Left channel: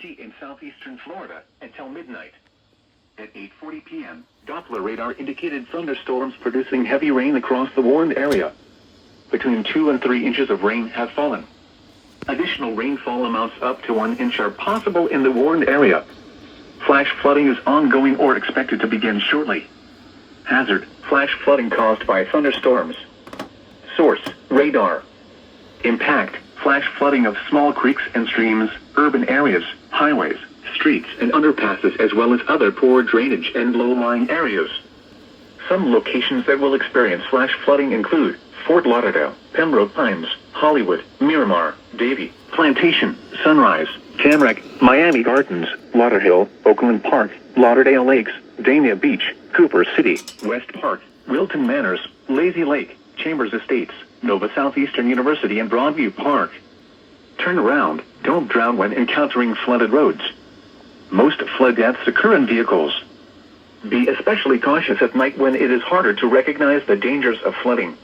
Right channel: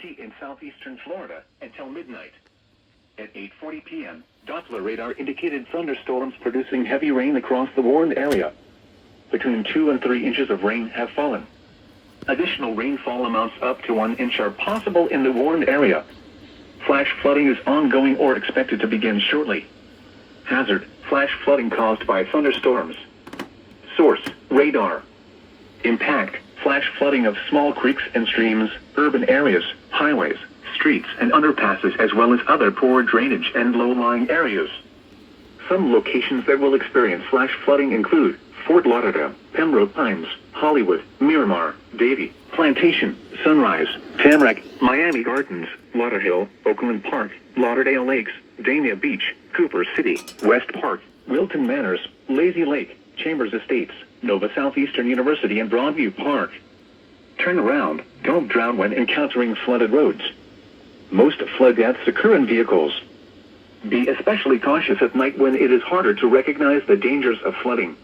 County in southeastern Florida until midnight. At 8:40 p.m., Doppler radar indicated thunderstorms producing heavy rain across the warned area. Between 2 and 3 inches of rain have fallen. Additional rainfall amounts up to 1 inch are possible in the warned area. Flash flooding is ongoing or expected to begin shortly. Hazard: flash flooding caused by thunderstorms. Source: radar. Impact: flash flooding of small creeks and streams, urban areas, highways, streets and underpasses, as well as other poor drainage and low-lying areas. Some locations that will experience flash flooding include Fort Lauderdale, Pembroke Pines, Hollywood, Miramar, Davie, Plantation, Sunrise, Tamarack, Miami Gardens, Lauderhill, Oakland Park, Lauderdale Lakes, Dania Beach, Cooper City, West Park, Wilton Manors, Lazy Lake, Chambers Estates, Nova Southeastern University and Broadview Park. Turn around. Don't drown when encountering flooded roads. Most flood deaths occur in vehicles. Be especially cautious at night when it is harder to recognize the dangers of flooding.